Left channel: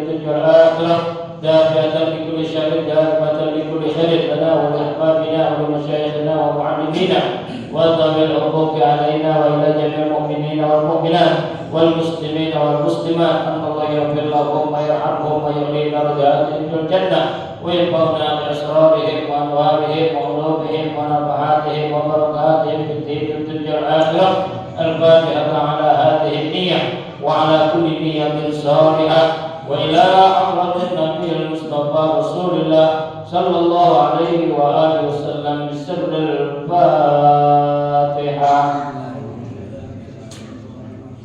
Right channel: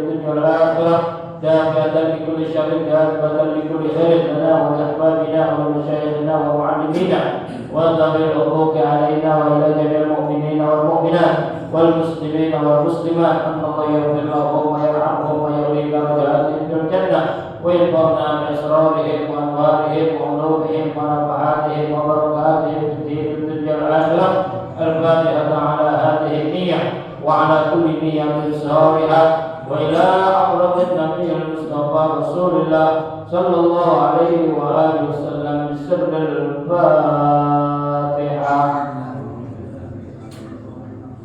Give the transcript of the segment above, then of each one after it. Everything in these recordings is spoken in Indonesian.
الدنيا والآخرة دافعة لكل شر دافعة لكل خير لنا ولأحبابنا ولمشايخنا ومعلمينا وذوي الحقوق علينا وإلى جميع المؤمنين والمؤمنات والمسلمين والمسلمات أن الله يغفر لهم ويرحمهم ويغفر درجاتهم في الجنة ويرفعنا بأسرارهم وأموالهم وعلومهم ونفحاتهم وبركاتهم في الدين الدنيا والآخرة. الفاتحة على هذه النية وعلى كل نية صالحة وإلى أحرم النبي المصطفى رسول الله صلى الله عليه وآله وسلم بسر الفاتحة.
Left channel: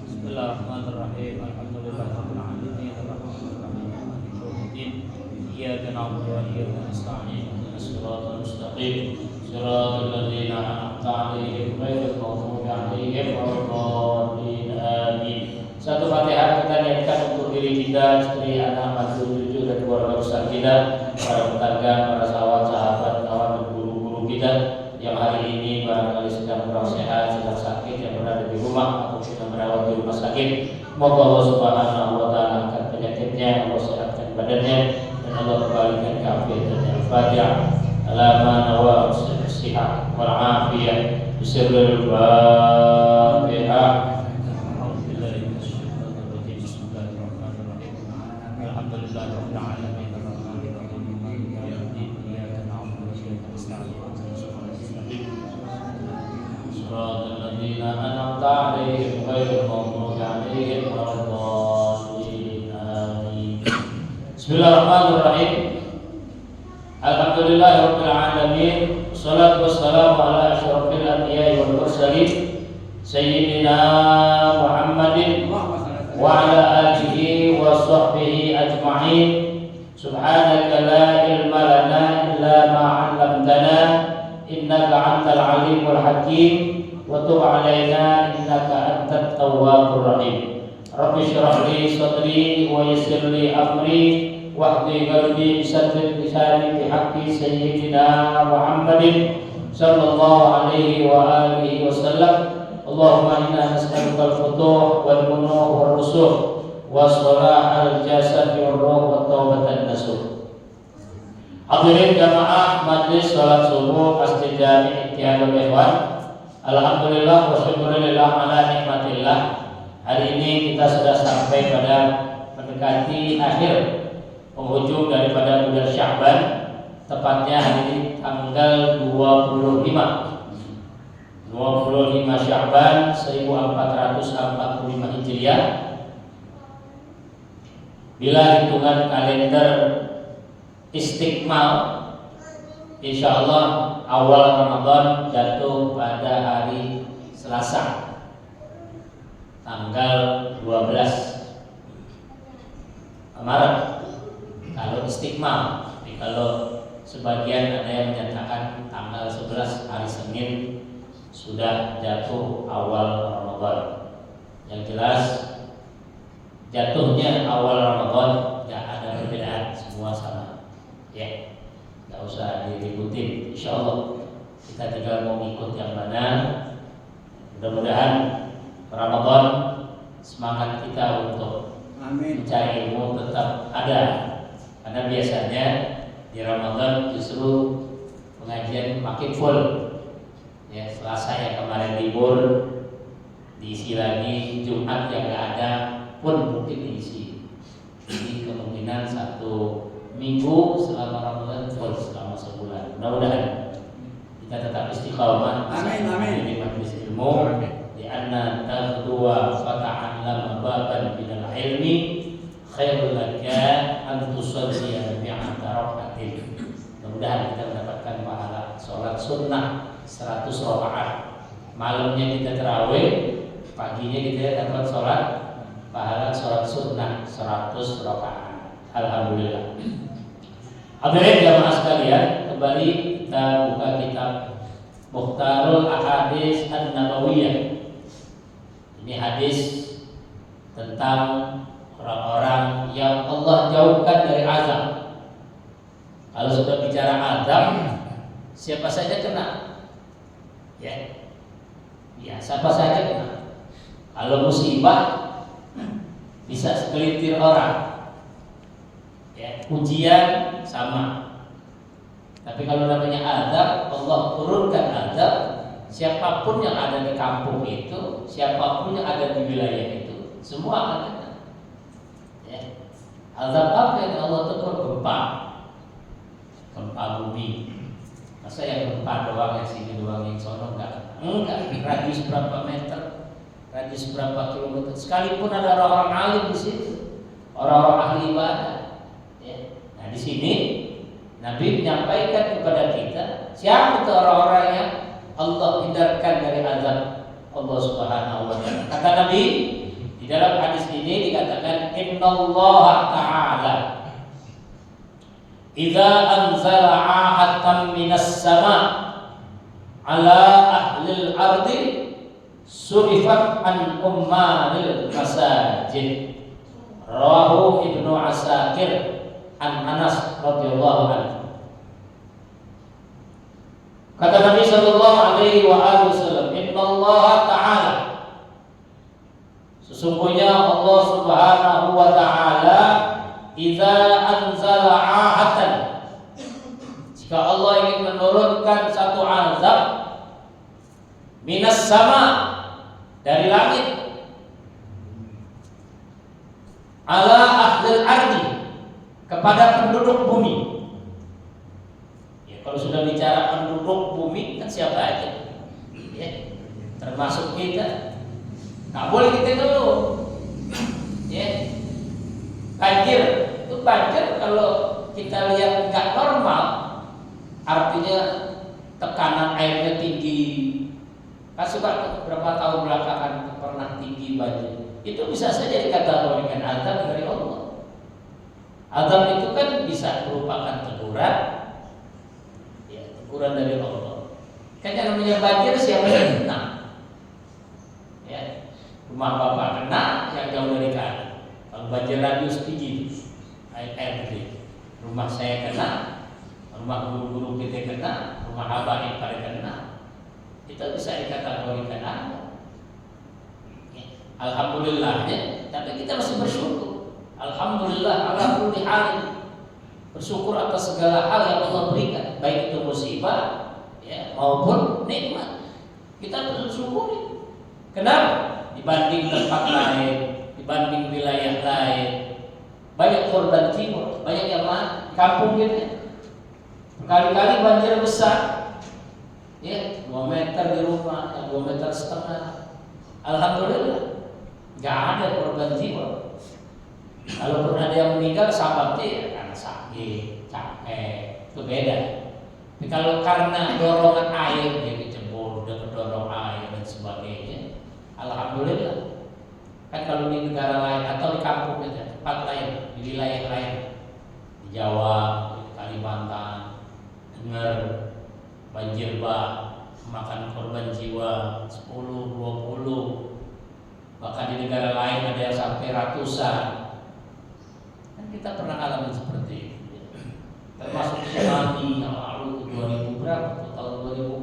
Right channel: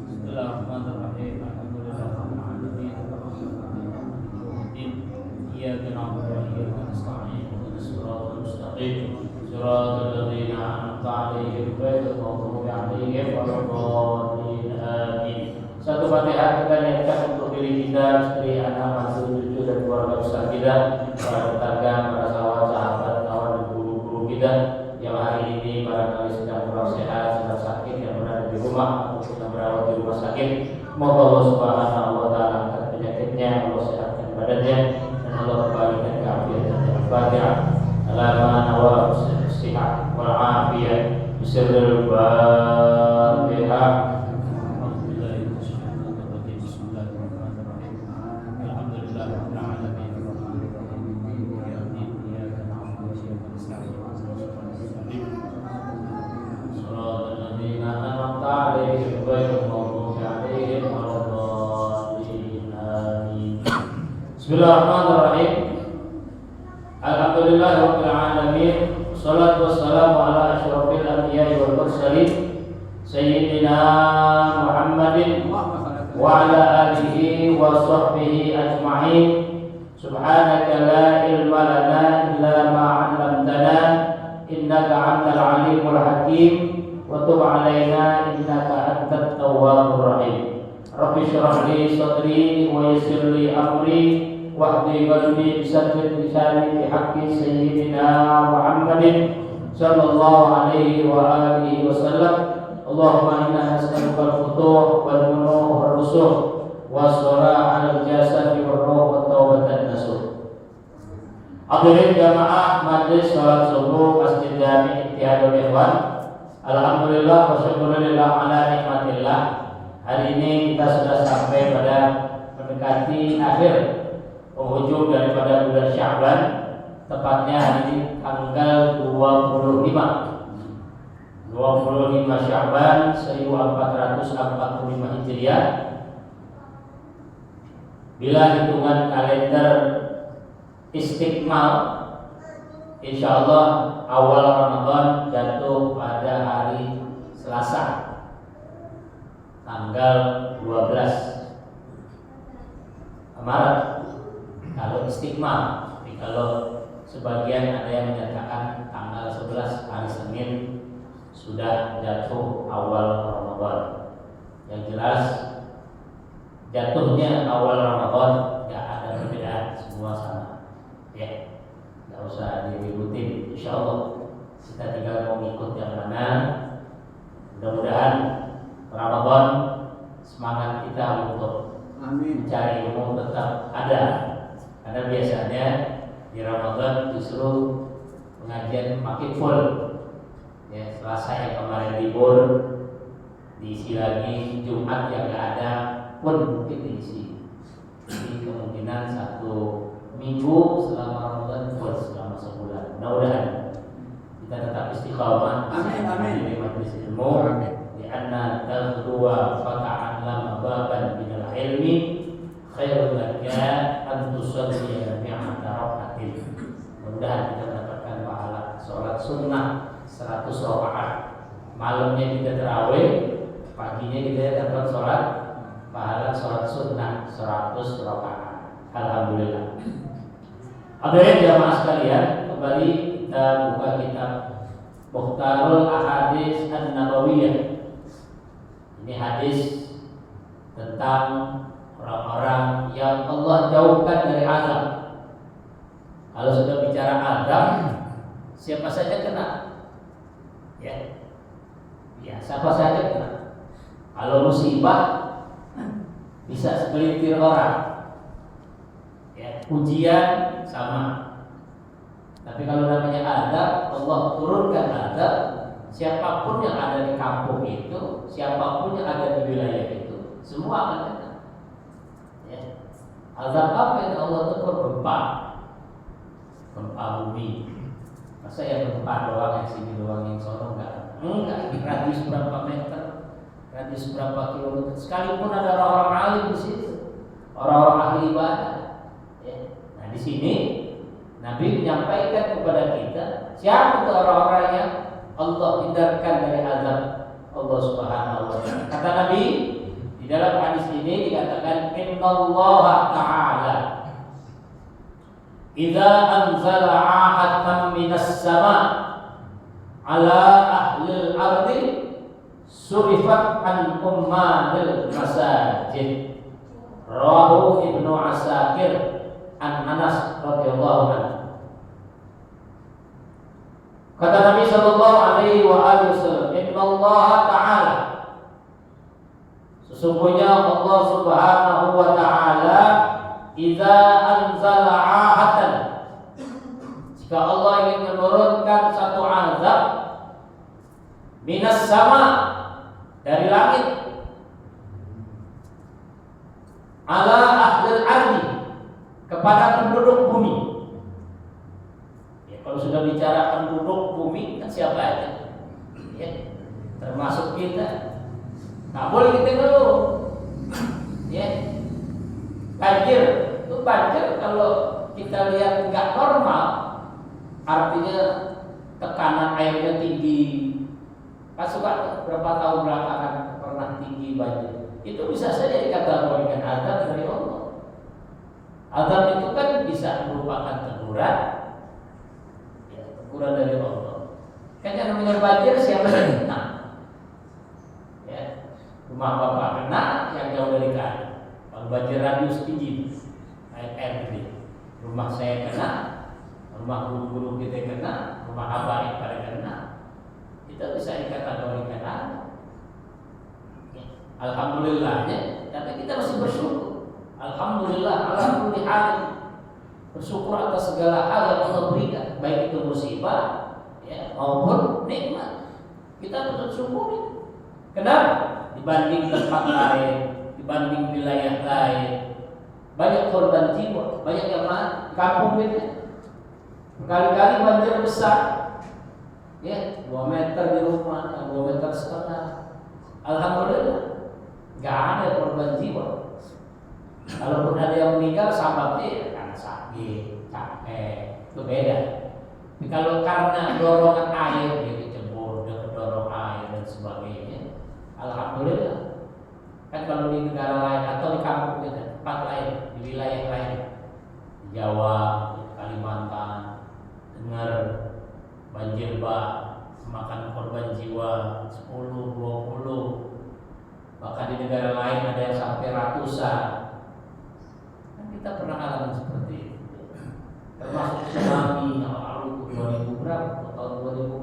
بسم الله الرحمن الرحيم. الحمد لله رب العالمين الرحمن الرحيم مالك يوم الدين إياك نعبد وإياك نستعين اهدنا الصراط المستقيم صراط الذين أنعمت عليهم غير المغضوب عليهم ولا الضالين آمين. Satu Fatihah kita niatkan untuk diri kita, istri, anak, mantu, cucu dan keluarga besar kita, para tetangga, para sahabat, kawan dan guru-guru kita yang hari ini barangkali sedang kurang sehat, sedang sakit, yang berada di rumah atau sedang berawat di rumah sakit. Moga Allah Subhanahu wa taala angkat penyakitnya, Allah sehatkan badannya dan Allah kembalikan keafiatannya. Al-Fatihah. Alaman wa sihat wal afiyah. Bismillahirrahmanirrahim. Bismillahirrahmanirrahim. Alhamdulillahirabbil alamin. Wassalatu wassalamu ala asyrofil anbiya'i wal mursalin sayyidina Muhammadin wa ala alihi wa sahbihi ajma'in. Subhanaka la ilma lana illa ma 'allamtana innaka antal alimul hakim wa tub 'alaina innaka antat tawwabur rahim. Rabbi shrah li sadri wa yassir li amri wahdi qalbi bisaddid lisani bihaqqi sayyidina Muhammadin sallallahu alaihi wa alihi wasallam. Allahumma inna nas'aluka al-futuh wal munuh wal rusuh was-salah al-jasad wal ruh wa tawbatan nasuh. Hadirin jamaah majlis salat subuh Masjid Jami Ittihadul Ikhwan. Alhamdulillah wa syukurillah ala nikmatillah. Hari ini kita sudah sampai pada mendekati akhir penghujung daripada bulan Sya'ban, tepatnya hari ini tanggal 25 Sya'ban 1445 Hijriah. Bila hitungan kalender Istiqmal, insyaallah awal Ramadan jatuh pada hari Selasa tanggal 12 Maret kalau Istiqmal. Tapi kalau sebagian ada yang menyatakan tanggal 11 hari Senin sudah jatuh awal Ramadan. Yang jelas jatuhnya awal Ramadan tidak ada perbedaan, semua sama. Ya, nggak usah diributin. Insyaallah kita tinggal mau ikut yang mana. Mudah-mudahan Ramadan semangat kita untuk mencari ilmu tetap ada. Karena biasanya di Ramadan justru pengajian makin full. Ya, Selasa yang kemarin libur diisi lagi, Jumat yang nggak ada pun mungkin diisi. Jadi kemungkinan satu minggu selama Ramadan full selama sebulan. Mudah-mudahan kita tetap istiqomah. Amin. Di majlis ilmu. Di anna taqwa fata'allam baban minal ilmi khairul laka an tusalli mi'ata raka'atin. Mudah-mudahan kita mendapatkan pahala sholat sunnah 100 rakaat. Malamnya kita tarawih, paginya kita dapat sholat pahala sholat sunnah 100 rakaat. Alhamdulillah. Hadirin jamaah sekalian, kembali kita buka kitab Mukhtarul Ahadits An-Nabawiyah. Ini hadis tentang orang-orang yang Allah jauhkan dari azab. Kalau sudah bicara azab, siapa saja kena. Ya, siapa saja kena. Kalau musibah bisa segelintir orang. ujian sama. Tapi kalau namanya azab, Allah turunkan azab, siapapun yang ada di kampung itu, siapapun yang ada di wilayah itu, semua akan kena. Ya. Azab apa yang Allah tegur? Gempa bumi. Masa yang gempa doang, yang sini doang, yang sono enggak? Radius berapa meter, radius berapa kilometer. Sekalipun ada orang-orang alim di situ, orang-orang ahli ibadah. Ya. Nah di sini Nabi menyampaikan kepada kita siapa itu orang-orang yang Allah hindarkan dari azab Allah Subhanahu wa taala. Kata Nabi di dalam hadis ini dikatakan innallaha ta'ala idza anzala 'ahatan minas sama' ala ahlil ardi surifat an ummalil masajid. Rawahu Ibnu Asakir an Anas radhiyallahu anhu. Kata Nabi sallallahu alaihi wasallam, innallaha ta'ala, sesungguhnya Allah Subhanahu wa taala idza anzala 'ahatan, jika Allah ingin menurunkan satu azab minas sama, dari langit, ala ahlil ardi, kepada penduduk bumi. Ya, kalau sudah bicara penduduk bumi kan siapa aja, ya, termasuk kita. Nggak boleh kita ngeluh. Ya, banjir itu banjir kalau kita lihat nggak normal, artinya tekanan airnya tinggi. Suka beberapa tahun belakangan pernah tinggi banjir. Itu bisa saja dikategorikan azab dari Allah. Azab itu kan bisa merupakan teguran, ya, teguran dari Allah. Kan yang namanya banjir siapa yang kena? Ya, rumah bapak kena, yang jauh dari kanan. Kalau banjir radius tinggi, air gede. Rumah saya kena, rumah guru-guru kita kena, rumah habaib pada kena. Itu bisa dikategorikan azab. Alhamdulillahnya, tapi kita masih bersyukur. Alhamdulillah ala kulli hal. Bersyukur atas segala hal yang Allah berikan, baik itu musibah, ya, maupun nikmat. Kita bersyukur. Kenapa? Dibanding tempat lain, dibanding wilayah lain, banyak korban jiwa, banyak yang mati. Kampung kita berkali-kali banjir besar, ya, 2 meter di rumah, 2,5 meter. Alhamdulillah, nggak ada korban jiwa. Kalaupun ada yang meninggal, sebabnya kan sakit, capek, itu beda. Tapi kalau karena dorongan air, dia kecebur, dia kedorong air dan sebagainya, alhamdulillah. Kan kalau di negara lain atau di kampung kita, tempat lain, di wilayah lain, di Jawa, di Kalimantan, dengar banjir memakan korban jiwa 10, 20, bahkan di negara lain ada yang sampai ratusan. Kan kita pernah alami seperti itu. Termasuk tsunami yang lalu 2000 berapa? Tahun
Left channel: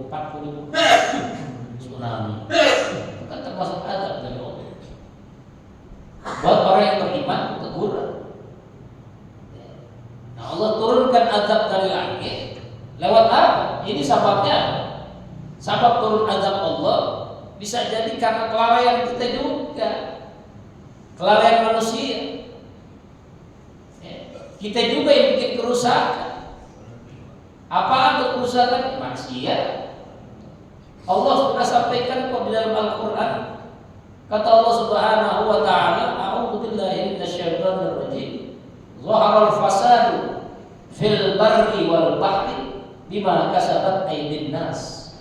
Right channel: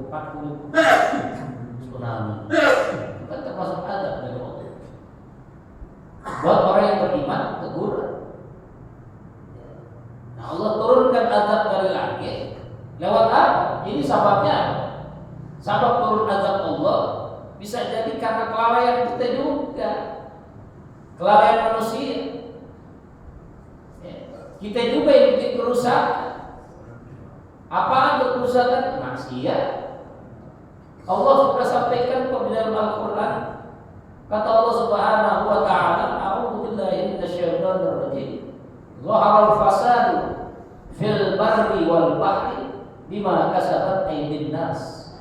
2040 tsunami. Itu kan termasuk azab dari Allah. Buat orang yang beriman teguran. Nah, Allah turunkan azab dari langit lewat apa? Ini sebabnya. Sebab turun azab Allah bisa jadi karena kelalaian kita juga, kelalaian manusia. Kita juga yang bikin kerusakan. Apa itu kerusakan? Maksiat. Allah sudah sampaikan kok di dalam Al-Quran. Kata Allah Subhanahu wa taala, "A'udzu billahi minasyaitonir rajim. Zaharal fasadu fil barri wal bahri bima kasabat aydin nas."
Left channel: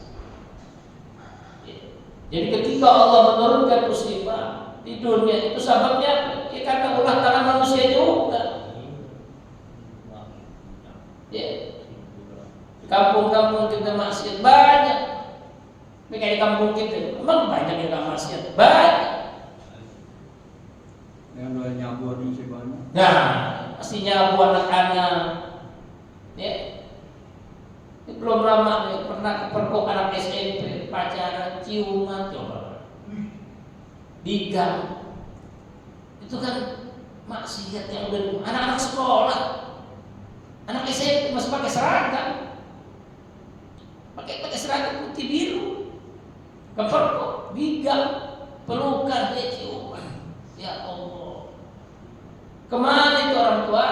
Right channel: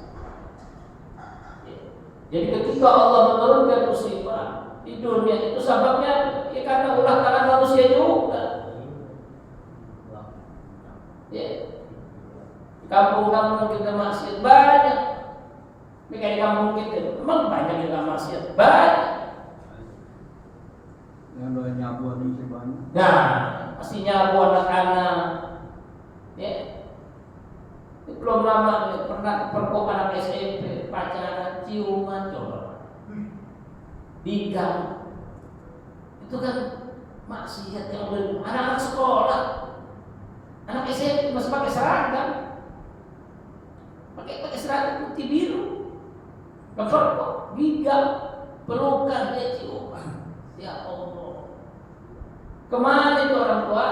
Jadi ketika Allah menurunkan musibah di dunia itu sebabnya ya karena ulah tangan manusia juga. Ya. Di kampung-kampung kita maksiat banyak. Ini kayak di kampung kita, memang banyak yang maksiat, banyak. Yang doa nyabu sih banyak. Nah, pasti nyabu anak-anak. Ya. Ini belum lama nih, pernah kepergok anak SMP, pacaran, ciuman, coba. Digang. Itu kan maksiat yang udah anak-anak sekolah. Anak SMP masih pakai seragam, pakai seragam putih biru, kepergok, bigal, pelukan, ciuman. Ya Allah, kemana itu orang tua?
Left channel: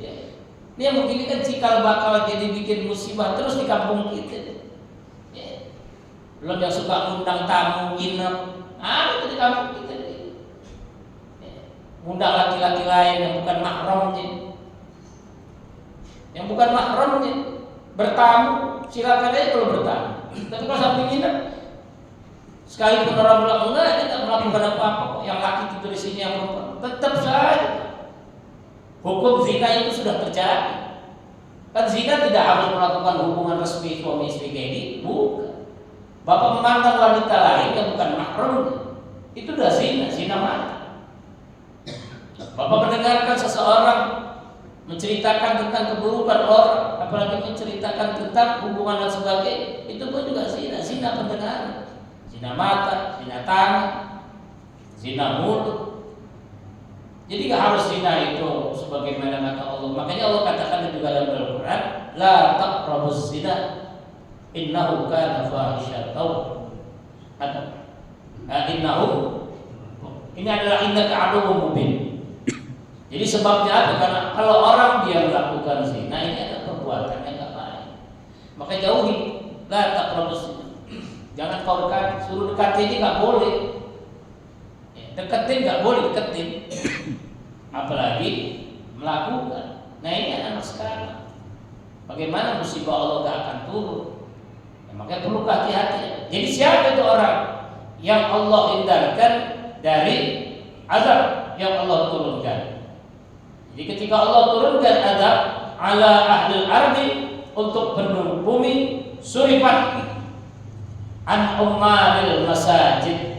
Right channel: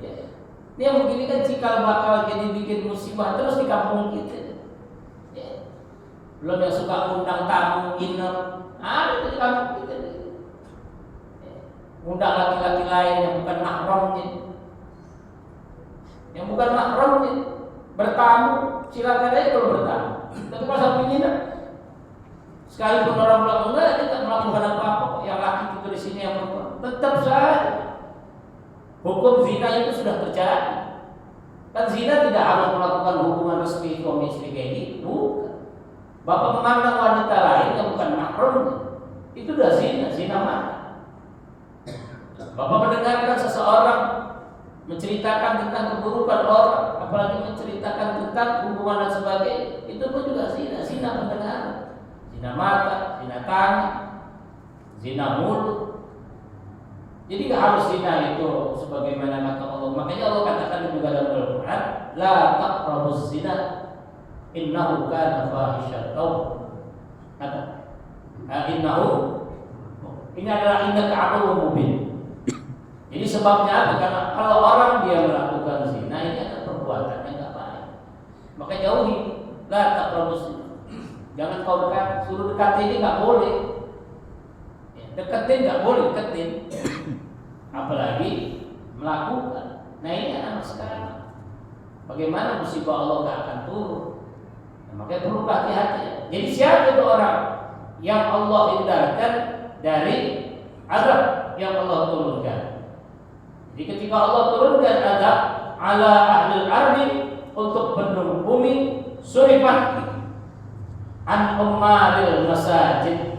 Ya. Ini yang begini kan cikal bakal jadi bikin musibah terus di kampung kita. Ya. Belum yang suka undang tamu nginep, ada tuh di kampung kita. Ya. Undang laki-laki lain yang bukan mahramnya. Yang bukan mahramnya bertamu, silakan aja kalau bertamu. Tapi kalau sampai nginep, sekalipun orang bilang enggak, dia tidak melakukan apa-apa. Yang laki tidur di sini, yang perempuan tetap saja. Hukum zina itu sudah terjadi. Kan zina tidak harus melakukan hubungan resmi suami istri kayak ini, bukan. Bapak memandang wanita lain yang bukan mahram, itu sudah zina mata. Bapak mendengarkan seseorang menceritakan tentang keburukan orang, apalagi menceritakan tentang hubungan dan sebagainya, itu pun juga zina pendengaran, zina mata, zina tangan, zina mulut. Jadi gak harus zina itu sebagaimana kata Allah. Makanya Allah katakan juga dalam Al-Quran, la taqrabuz zina innahu kana fahisyatan. Innahu, ini adalah innaka aduwwum mubin. Jadi sebabnya apa? Karena kalau orang dia melakukan zina, ini adalah perbuatan yang gak baik. Maka jauhi, la taqrabuz zina. Jangan kau dekat, suruh dekat ini gak boleh. Deketin nggak boleh deketin, apalagi melakukan. Nah ini anak sekarang, bagaimana musibah Allah nggak akan turun? Nah, makanya perlu hati-hati. Jadi siapa itu orang yang Allah hindarkan dari azab yang Allah turunkan? Jadi ketika Allah turunkan azab ala ahlil ardi untuk penduduk bumi, surifat an ummaril masajid,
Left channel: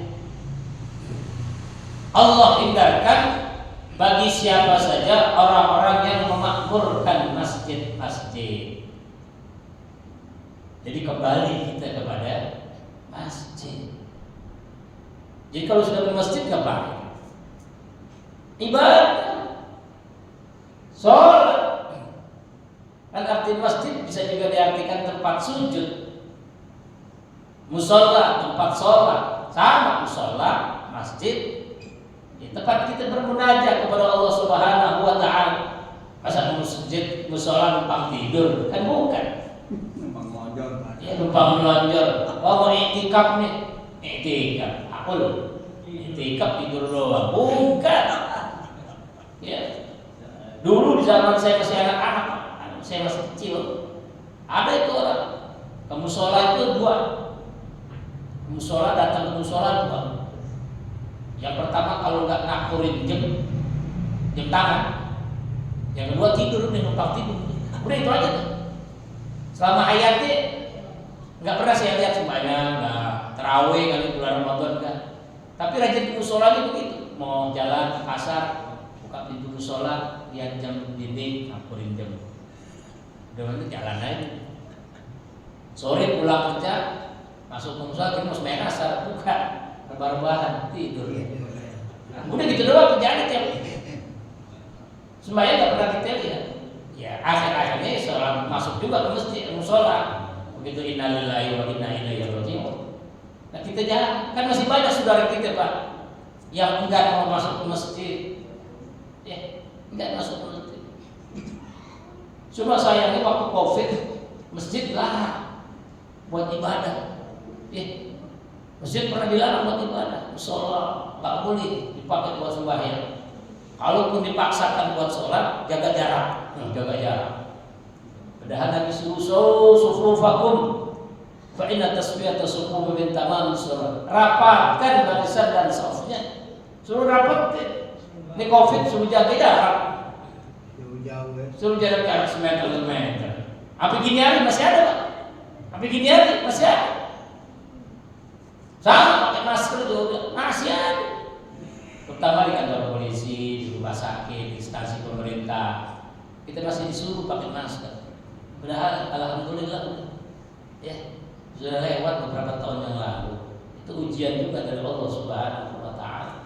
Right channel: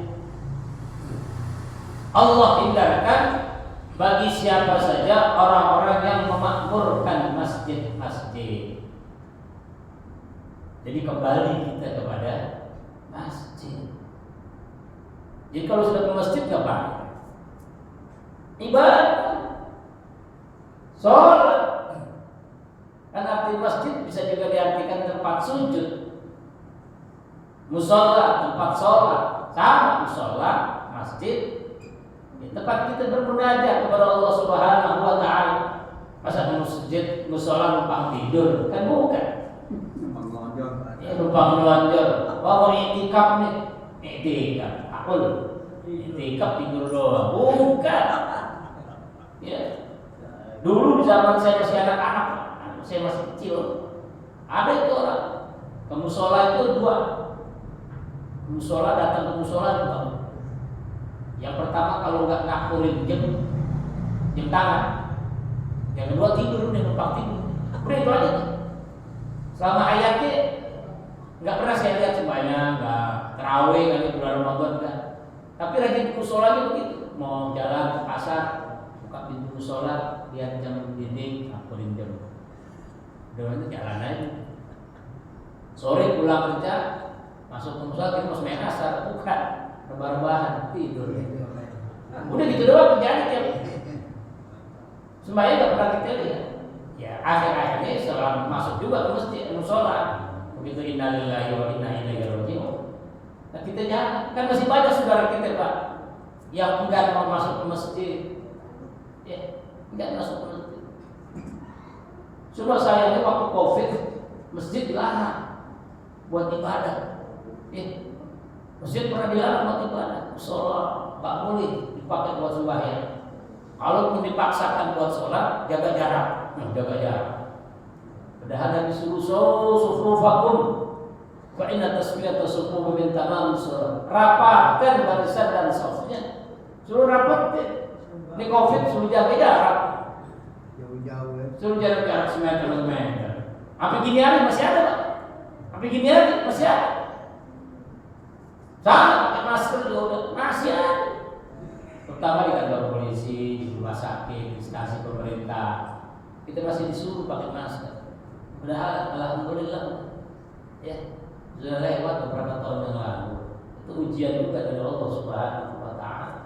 Allah hindarkan bagi siapa saja orang-orang yang memakmurkan masjid-masjid. Jadi kembali kita kepada masjid. Jadi kalau sudah ke masjid ngapain? Ibadah, sholat. Kan arti masjid bisa juga diartikan tempat sujud, musola tempat sholat, sama musola masjid. Tempat kita bermunajat kepada Allah Subhanahu wa taala. Masa masjid musola numpang tidur? Kan bukan. Numpang melonjor. Ya numpang melonjor. Mau i'tikaf nih. I'tikaf. Akul. I'tikaf tidur doang. Bukan. Ya. Dulu di zaman saya masih anak-anak, saya masih kecil, ada itu orang ke musola itu dua. Musola datang ke musola dua. Yang pertama kalau nggak ngakurin jam tangan, yang kedua tidur, dia numpang tidur. Udah itu aja tuh. Selama hayatnya nggak pernah saya lihat sembahyang, nggak terawih kali bulan Ramadan enggak. Tapi rajin ke musholanya begitu. Mau jalan ke pasar, buka pintu musola, lihat jam dinding, ngakurin jam. Udah itu jalan aja. Sore pulang kerja, masuk ke musola, kita mau sembahyang asar, buka. Rebah-rebahan tidur. Udah gitu doang kerjaan tiap. Sembahyang nggak pernah kita lihat. Ya akhir-akhirnya seorang masuk juga ke masjid musola. Begitu innalillahi wa inna ilaihi raji'un. Nah kita jangan, kan masih banyak saudara kita Pak yang enggak mau masuk ke masjid. Ya, enggak masuk ke masjid. Cuma sayangnya waktu Covid masjid dilarang buat ibadah. Ya. Masjid pernah dilarang buat ibadah, musola nggak boleh dipakai buat sembahyang. Kalaupun dipaksakan buat sholat, jaga jarak. Padahal Nabi suruh sufufakum, fa inna tasfiyata sufufi min tamam sholat. Rapatkan barisan dan safnya, suruh rapatin. Ini Covid suruh jaga jarak, suruh jarak semeter. Apa gini hari masih ada Pak? Apa gini hari masih ada? Sama pakai masker juga masih ada. Terutama di kantor polisi, di rumah sakit, di instansi pemerintah, kita masih disuruh pakai masker. Padahal alhamdulillah ya sudah lewat beberapa tahun yang lalu. Itu ujian juga dari Allah Subhanahu wa taala.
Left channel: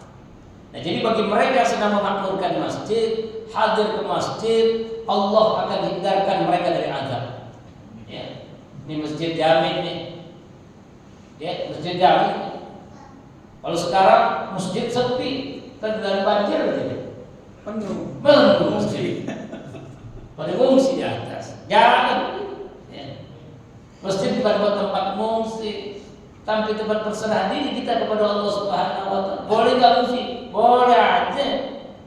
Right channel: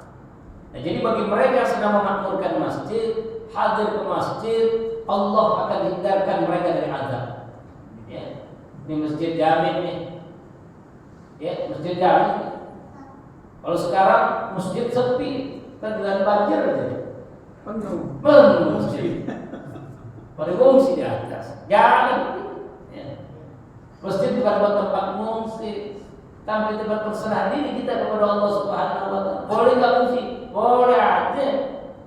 Nah, jadi bagi mereka yang sedang memakmurkan masjid, hadir ke masjid, Allah akan hindarkan mereka dari azab. Ya, ini masjid jamin nih. Ya, masjid jamin. Kalau sekarang masjid sepi, tergenang banjir aja. Penuh. Penuh masjid. Pada ngungsi di atas. Jangan. Ya. Masjid bukan buat tempat ngungsi, tapi tempat berserahan diri kita kepada Allah Subhanahu wa taala. Boleh nggak ngungsi? Boleh aja.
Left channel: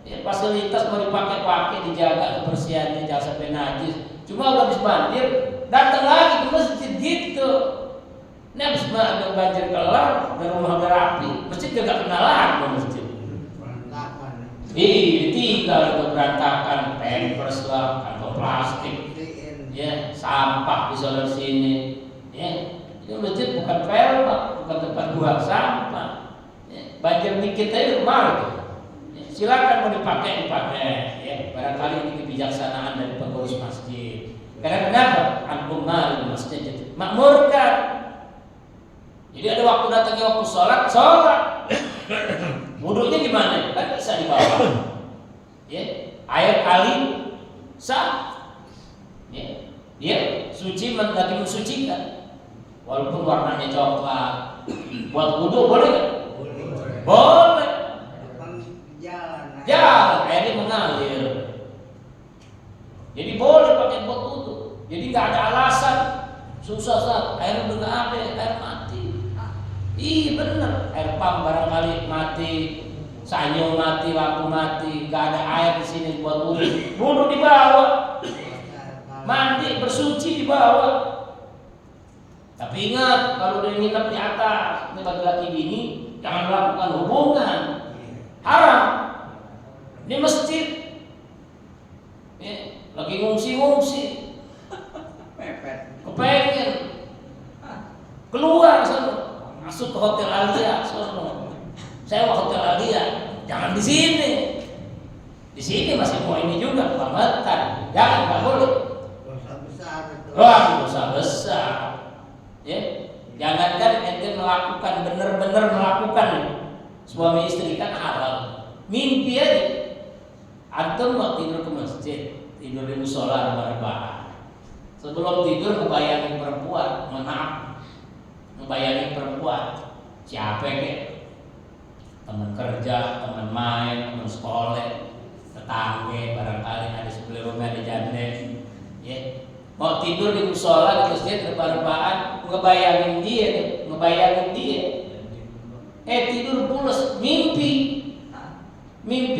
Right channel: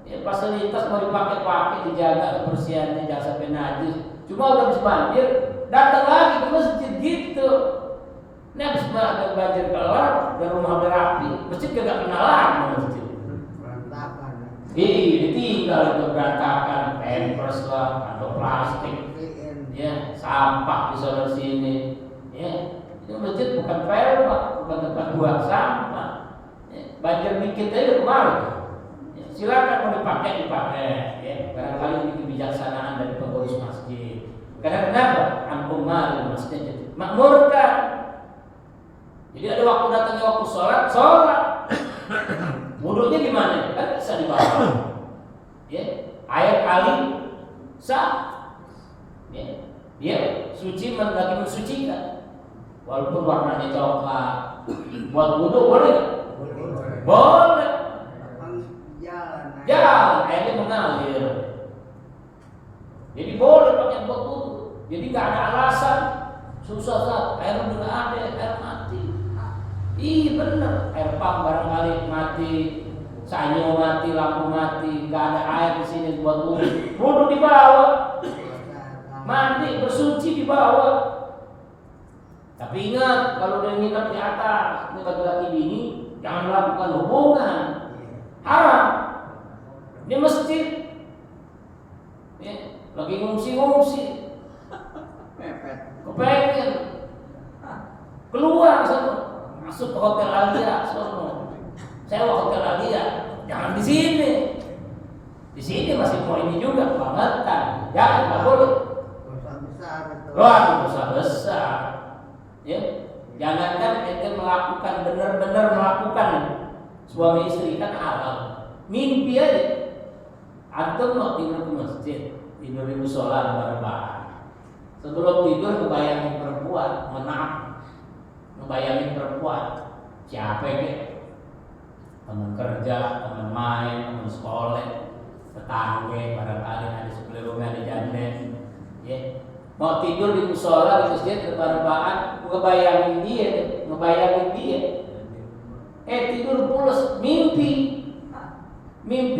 Ya, fasilitas mau dipakai-pakai, dijaga kebersihannya, jangan sampai najis. Cuma udah habis banjir, datang lagi ke masjid gitu. Ini habis ada banjir kelar, dan rumah berapi, masjid gak kenal lagi masjid. Berantakan. Ditinggal itu berantakan, pampers lah, kantong plastik, ya, sampah di sana sini. Ya, itu masjid bukan pelmak, bukan tempat buang sampah. Ya, banjir dikit aja kemarin. Silakan mau dipakai, ya. Barangkali ini kebijaksanaan dari pengurus masjid. Karena kenapa? Antum mari masjid makmurkan. Jadi ada waktu datangnya waktu sholat. Wudhunya gimana? Kan bisa dibawa. Ya, air kali sah. Ya, dia suci lagi mensucikan. Walaupun warnanya coklat. Buat wudhu boleh nggak? Boleh. Jalan, airnya mengalir. Jadi boleh pakai buat wudhu. Jadi nggak ada alasan susah air udah nggak ada, air mati. Iya benar, air pump barangkali mati, sanyo mati, lampu mati, nggak ada air di sini buat wudhu. Wudhu dibawa, mandi bersuci dibawa. Tapi ingat kalau udah nginep di atas, ini laki-laki bini, jangan melakukan hubungan, haram. Di masjid, ya, lagi ngungsi, kepengen keluar sana, masuk ke hotel Alia, sewa hotel Alia, jangan di sini. Di sini masih mau ini juga kebangetan, jangan nggak boleh. Dosa besar itu. Dosa besar, ya. Jangankan ente melakukan benar-benar melakukan suami istri kan halal, mimpi aja. Antum mau tidur ke masjid, tidur di musola bareng-bareng. Sebelum tidur ngebayangin perempuan, ngebayangin perempuan. Siapa ya? Teman kerja, teman main, teman sekolah, tetangga, barangkali ada sebelah rumah ada janda. Ya. Mau tidur di musola di masjid bareng-bareng, ngebayangin dia. Tidur pulas, mimpi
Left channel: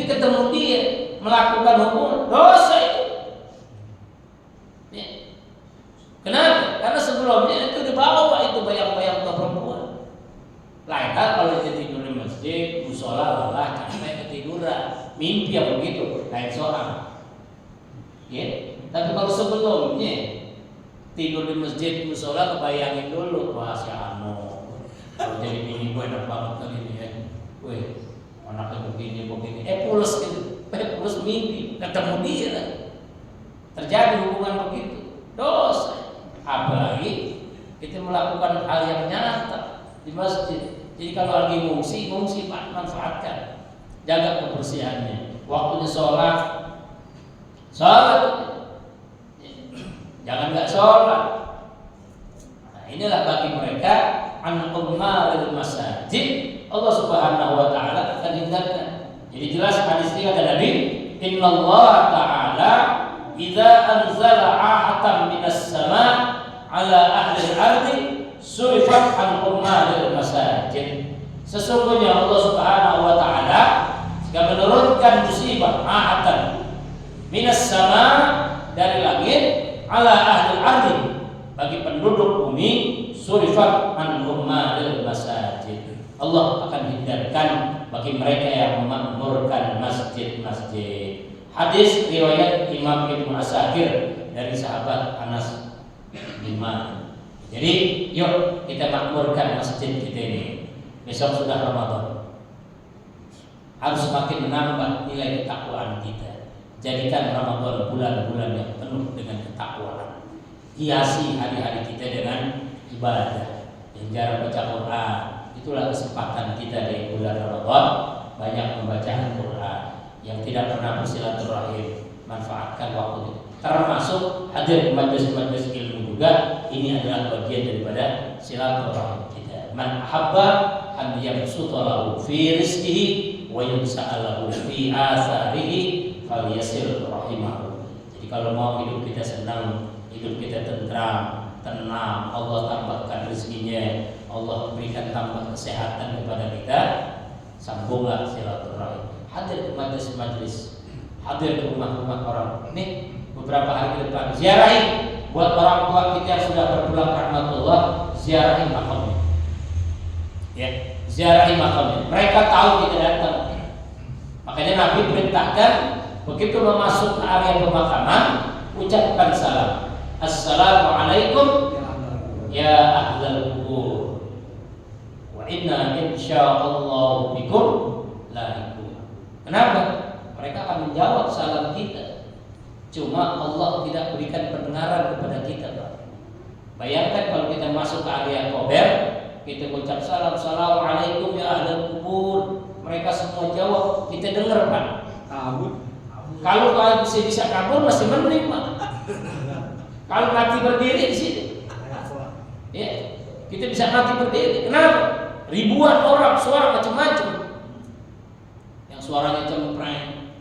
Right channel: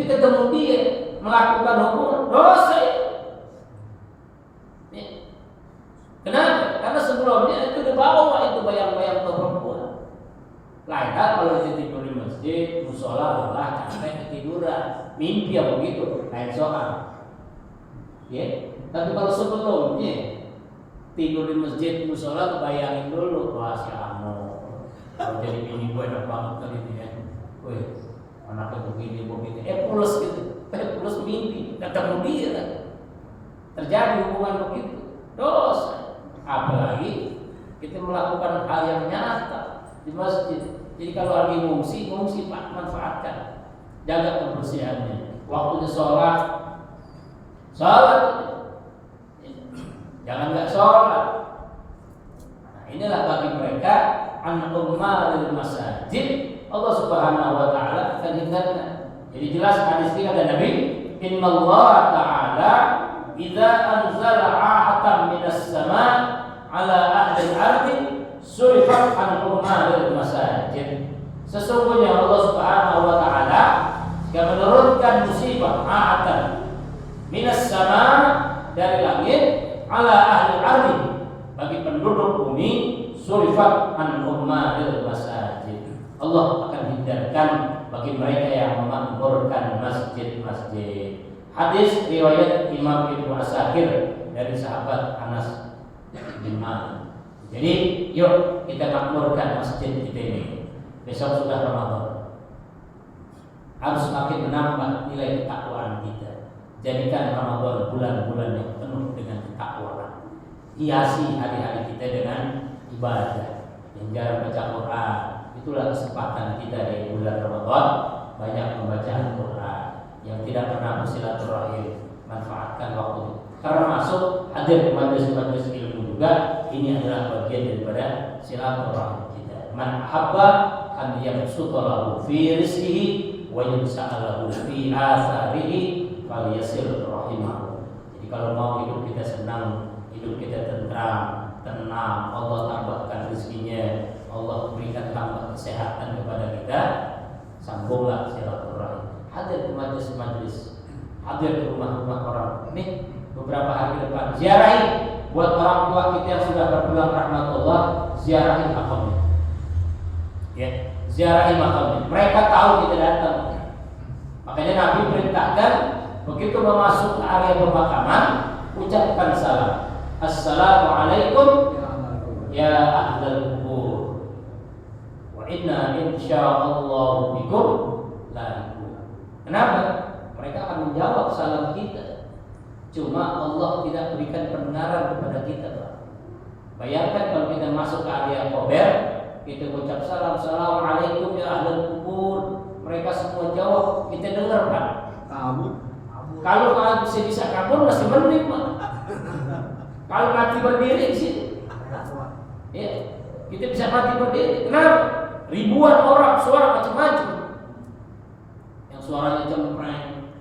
ketemu dia, melakukan hubungan, dosa itu. Ya. Kenapa? Karena sebelumnya itu dibawa itu bayang-bayang perempuan. Lain hal kalau dia tidur di masjid, musola, lelah, capek, ketiduran, mimpi yang begitu, lain soal. Ya. Tapi kalau sebelumnya tidur di masjid, musola, kebayangin dulu, wah si Anu, kalau jadi bini gue enak banget kali ini ya. Wih, anaknya begini, pulas gitu, pulas mimpi, ketemu dia lah. Terjadi hubungan begitu, dosa. Apalagi kita melakukan hal yang nyata di masjid. Jadi kalau lagi ngungsi Pak, manfaatkan, jaga kebersihannya. Waktunya sholat, jangan nggak sholat. Nah, inilah bagi mereka an-ummaril masajid. Allah Subhanahu wa taala akan hindarkan. Jadi jelas hadis ini kata Nabi, innallaha ta'ala idza anzala 'ahatan minas sama' ala ahli al-ardi surifat an ummaril masajid. Sesungguhnya Allah Subhanahu wa taala jika menurunkan musibah 'ahatan minas sama' dari langit ala ahli al-ardi bagi penduduk bumi surifat an ummaril masajid. Allah akan hindarkan bagi mereka yang memakmurkan masjid-masjid. Hadis riwayat Imam Ibnu Asakir dari sahabat Anas bin Malik. Jadi yuk kita makmurkan masjid kita ini. Besok sudah Ramadan. Harus semakin menambah nilai ketakwaan kita. Jadikan Ramadan bulan-bulan yang penuh dengan ketakwaan. Hiasi hari-hari kita dengan ibadah. Yang jarang baca Quran, itulah kesempatan kita di bulan Ramadan banyak membaca Al-Quran. Yang tidak pernah bersilaturahim, manfaatkan waktu itu. Termasuk hadir di majelis-majelis ilmu juga, ini adalah bagian daripada silaturahim kita. Man ahabba an yabsuta lahu fi rizqihi wa yunsa'alahu fi atharihi falyasil rahimahu. Jadi kalau mau hidup kita senang, hidup kita tentram, tenang, Allah tambahkan rezekinya, Allah berikan tambah kesehatan kepada kita, sambunglah silaturahim. Hadir ke majelis-majelis, hadir ke rumah-rumah orang. Nih beberapa hari ke depan ziarahi buat orang tua kita yang sudah berpulang rahmatullah, ziarahi makamnya. Ya, ziarahi makamnya. Mereka tahu kita datang. Makanya Nabi perintahkan begitu memasuk ke area pemakaman, ucapkan salam. Assalamualaikum ya ahlal kubur. Wa inna insyaallah bikum lahiqun. Kenapa? Mereka akan menjawab salam kita. Cuma Allah tidak berikan pendengaran kepada kita, Pak. Bayangkan kalau kita masuk ke area kober, kita ucap salam, assalamualaikum ya ahlal kubur. Mereka semua jawab, kita dengar, Pak. Kabur. Kalau bisa kabur masih mending, Pak. Kalau mati berdiri di sini, ya, kita bisa mati berdiri. Kenapa? Ribuan orang, suara macam-macam. Yang suaranya cempreng,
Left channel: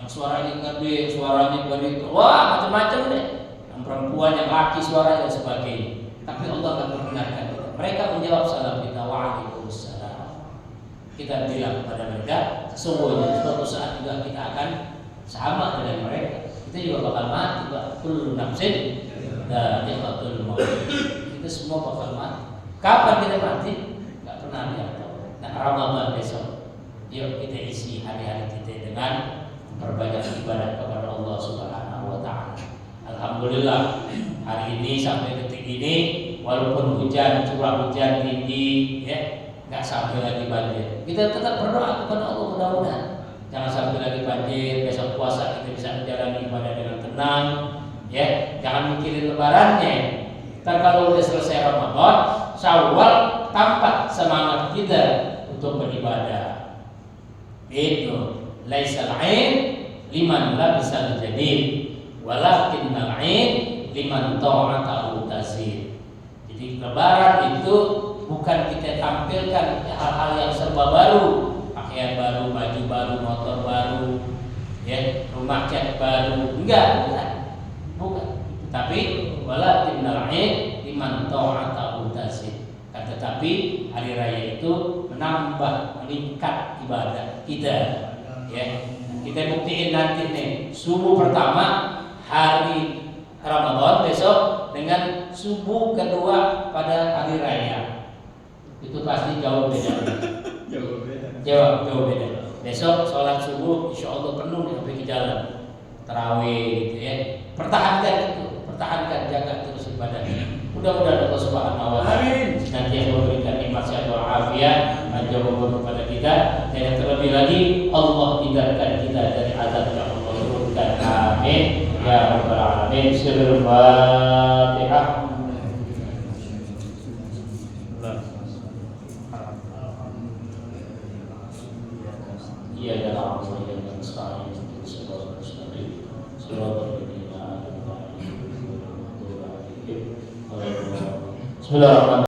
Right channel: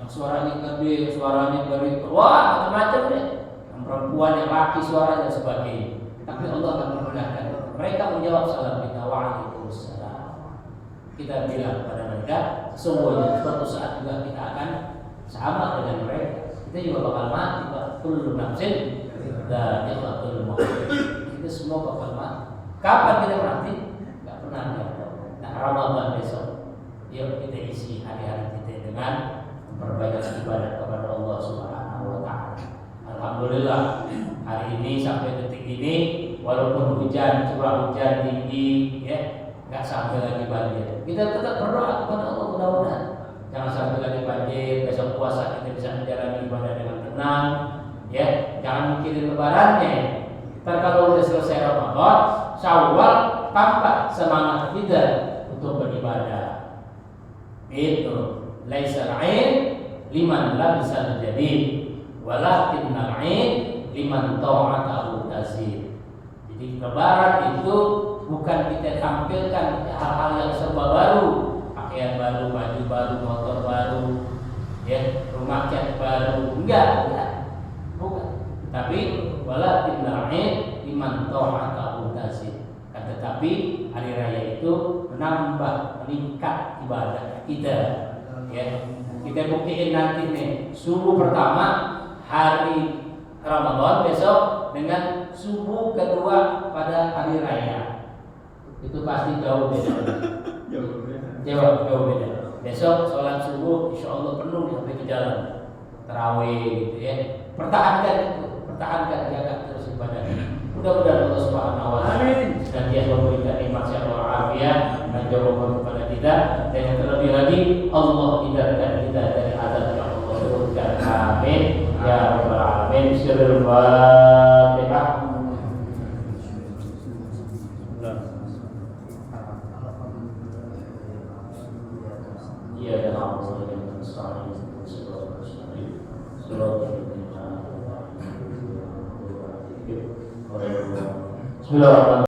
yang suaranya gede, suaranya berita, wah macam-macam deh. Yang perempuan, yang laki suaranya dan sebagainya. Tapi Allah akan membenarkan kita. Mereka menjawab salam kita, waalaikumsalam. Kita bilang kepada mereka, sesungguhnya suatu saat juga kita akan sama dengan mereka. Kita juga bakal mati, Pak. Kullu nafsin dha'iqatul maut. Kita semua bakal mati. Kapan kita mati? Enggak pernah ada yang tahu. Nah, Ramadan besok, yuk kita isi hari-hari kita dengan memperbanyak ibadah kepada Allah Subhanahu wa taala. Alhamdulillah, hari ini sampai detik ini walaupun hujan, curah hujan tinggi, ya, enggak sampai lagi banjir. Kita tetap berdoa kepada Allah mudah-mudahan jangan sampai lagi banjir. Besok puasa kita bisa menjalani ibadah dengan tenang, ya. Jangan mikirin lebarannya. Ntar kalau udah selesai Ramadan, Syawal, tampak semangat kita untuk beribadah. Itu laisal 'ain liman labisal jadid, walakinnal 'ain liman ta'atahu tazid. Jadi lebaran itu bukan kita tampilkan hal-hal yang serba baru, pakaian baru, baju baru, motor baru, ya, rumah cat baru, enggak, bukan. Tapi walakinnal 'ain liman ta'atahu tazid. Tetapi hari raya itu menambah, meningkat ibadah kita, ya. Kita buktiin nanti nih, subuh pertama hari Ramadan besok dengan subuh kedua pada hari raya. Itu pasti jauh beda. Jauh beda. Besok sholat subuh insya Allah penuh sampai ke jalan tarawih gitu, ya. Pertahankan itu, jaga terus ibadahnya. Mudah-mudahan Allah Subhanahu wa taala senantiasa memberikan nikmat sehat walafiat, menjauhkan kepada kita, dan yang terlebih lagi Allah hindarkan kita dari azab yang Allah turunkan. Amin ya rabbal alamin. Sirrul Fatihah. Iya dan Allah yang nasta'in sallallahu alaihi wasallam. Bismillahirrahmanirrahim.